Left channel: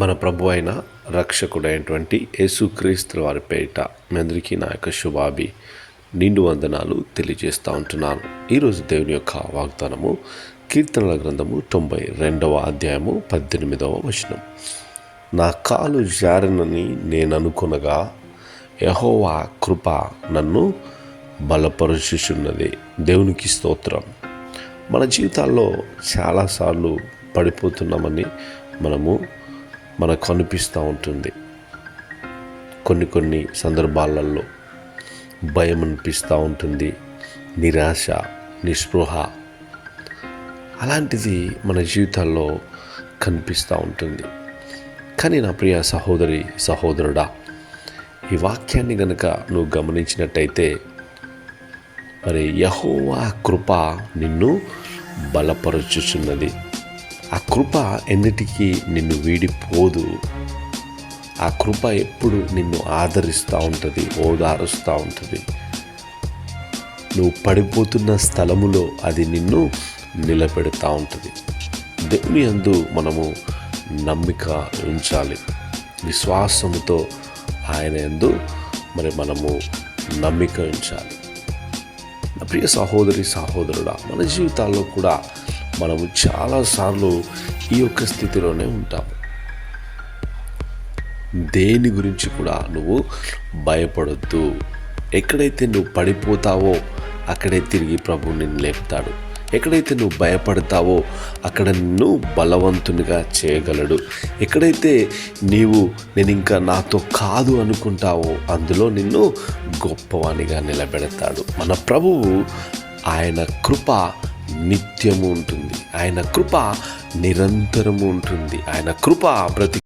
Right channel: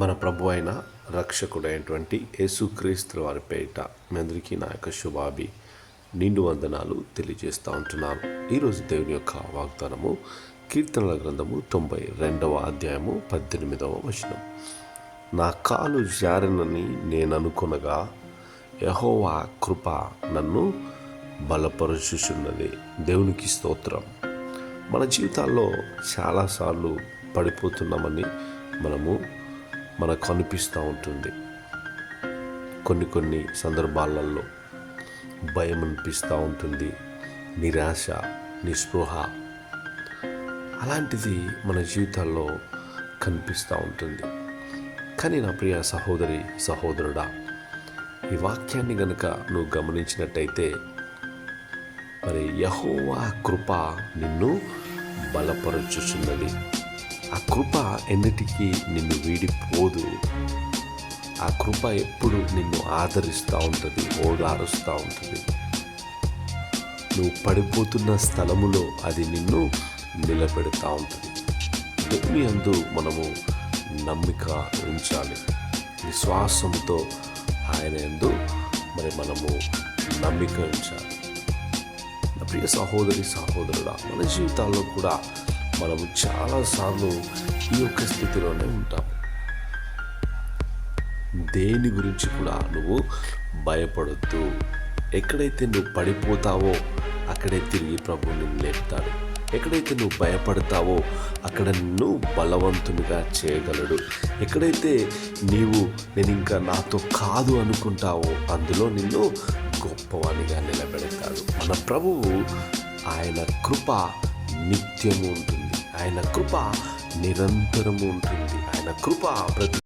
మన ప్రభు అయిన రక్షకుడైనటువంటి యేసుక్రీస్తు వారి పేరిట మీ అందరికీ నా యొక్క శుభాభి నిండు వందనాలు తెలియజేస్తూ ఉంటున్నాను. ఈరోజు దేవుని యొక్క వాగ్దానము కీర్తనల గ్రంథము 92వ అధ్యాయము 18వ వచనం. నా కాలు జారినని నేను అనుకొనగా యెహోవా కృప నన్ను బలపరుచుచున్నది. దేవునికి స్తోత్రం. మన జీవితాల్లో చాలాసార్లు పడిపోతున్నామని మనకు అనిపిస్తూ ఉంటుంది. కొన్ని సందర్భాలలో భయం అనిపిస్తూ ఉంటుంది, నిరాశ, నిస్పృహ అలాంటిది మన జీవితాల్లో కనిపిస్తూ ఉంటుంది. కానీ నా ప్రియ సహోదరి సహోదరుడా, ఈ వాక్యాన్ని గనుక నువ్వు గమనించినట్టయితే మరి యెహోవా కృప నిన్ను బలపరుచుచున్నది. ఆ కృప ఎన్నిటికీ నిన్ను వీడిపోదు. ఆ కృప ఎప్పుడు నిన్ను ఆదరిస్తూ ఉంటుంది, ఓదారుస్తూ ఉంటుంది. నువ్వు పడిపోతున్న స్థలములో అది నిన్ను నిలబెడతా ఉంటుంది. దేవుని యందు మనము నమ్మిక ఉంచాలి. విశ్వాసముతో ఆయన యందు మనము నమ్మిక ఉంచాలి. నా ప్రియ సహోదరి సహోదరుడా, మన జీవితాల్లో కూడా మనము చాలాసార్లు ఈ యొక్క స్థితిలోనే ఉంటాం. దేని గురించి కూడా నువ్వు భయపడొద్దు. ఎక్కడైతే నువ్వు పడిపోతావో అక్కడే తిరిగి ప్రభు నిన్ను లేపుతాడు. ఎక్కడైతే నువ్వు భయపడతావో అక్కడ నిన్ను బలవంతునిగా చేయగలడు. ఎక్కడైతే నేను ఇంకా నాతో కాదు అనుకుంటావో అందులో నిన్ను గొప్పవానిగా నిలబెడతాడు. మన ప్రభువు ఆయన కృప నిత్యము ఉంటుంది. ఆయన కృప నిరంతరము ఉంటుంది. ఆయన కృప